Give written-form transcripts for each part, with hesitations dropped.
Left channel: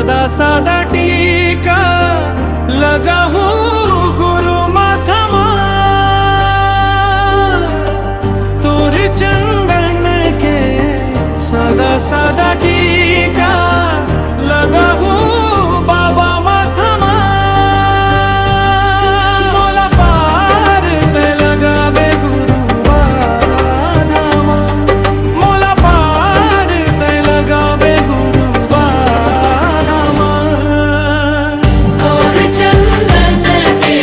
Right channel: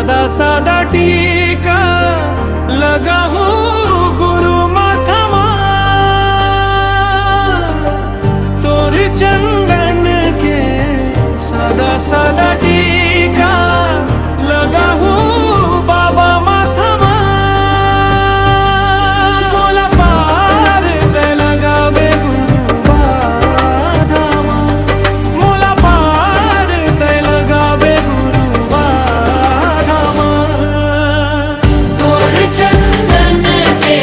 सादा सादा टीका लगा हूँ गुरु माथमा, तोर चंदन के सादा सादा टीका लगा हूँ बाबा माथमा। मोला पार ते लगा बे गुरु बाधामा, मोला पार ते लगा बे गुरु बाधामा। तोर चंदन के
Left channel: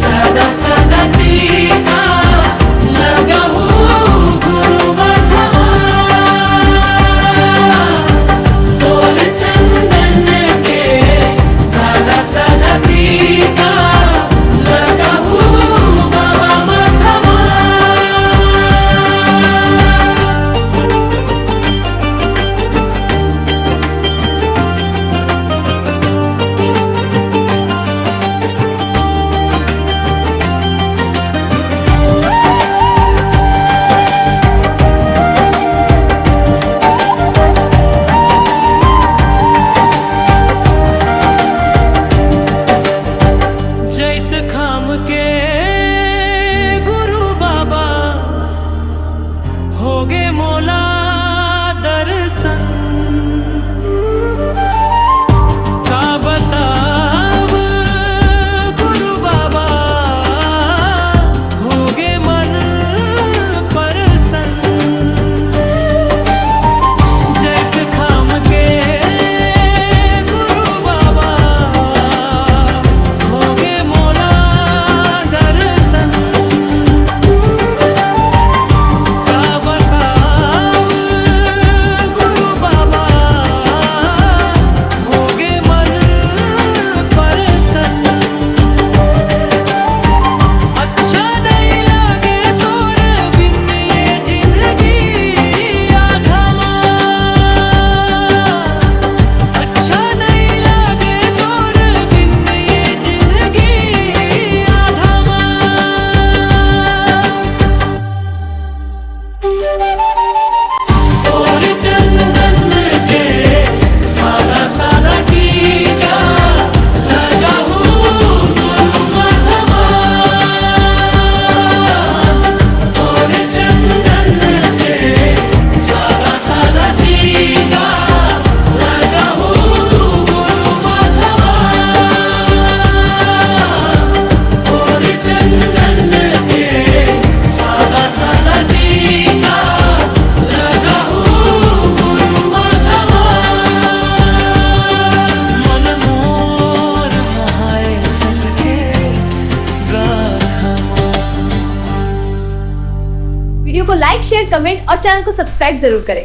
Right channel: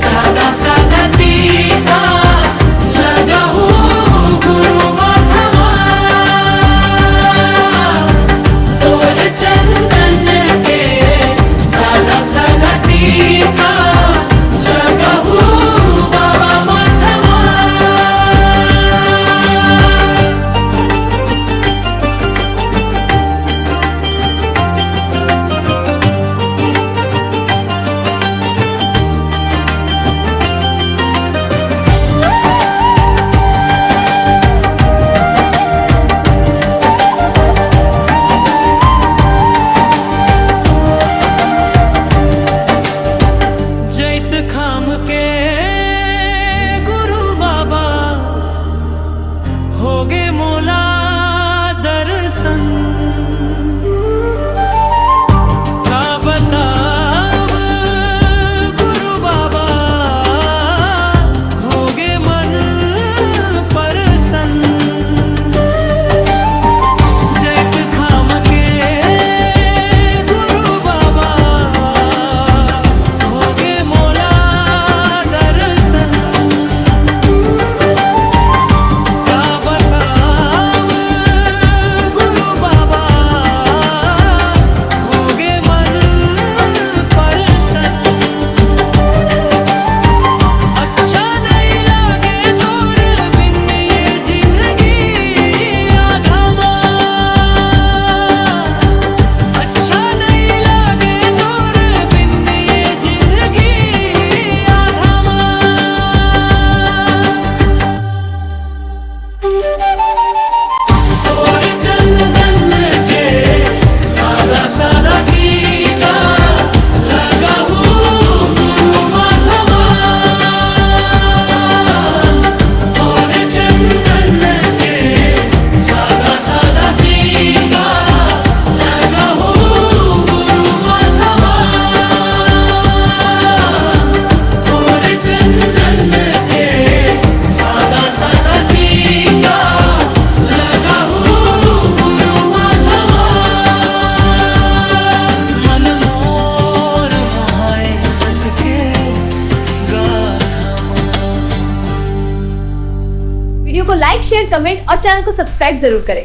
सादा सादा टीका लगा हूँ गुरु माथमा, तोर चंदन के सादा सादा टीका लगा हूँ बाबा माथमा। जैत खाम के गुरु बाबा होगे मोला दर्शन, का बताब गुरु बाबा होगे मन प्रसन्न। जैत खाम के गुरु बाबा होगे मोला दर्शन, का बताब गुरु बाबा होगे मन प्रसन्न। अच्छा नहीं लागे तोर बिन ये जिंदगी आधमा, अच्छा नहीं लागे तोर बिन ये जिंदगी आधमा। तोर चंदन के सादा सादा टीका लगा हूँ गुरु माथमा, तोर चंदन के सादा सादा टीका लगा हूँ गुरु माथमा, तोर चंदन के सादा सादा टीका लगा हूँ गुरु माथमा। मन मोर मोहाए सत के गाथमा। वीडियो को लाइक शेयर कमेंट और चैनल को सब्सक्राइब जरूर करें।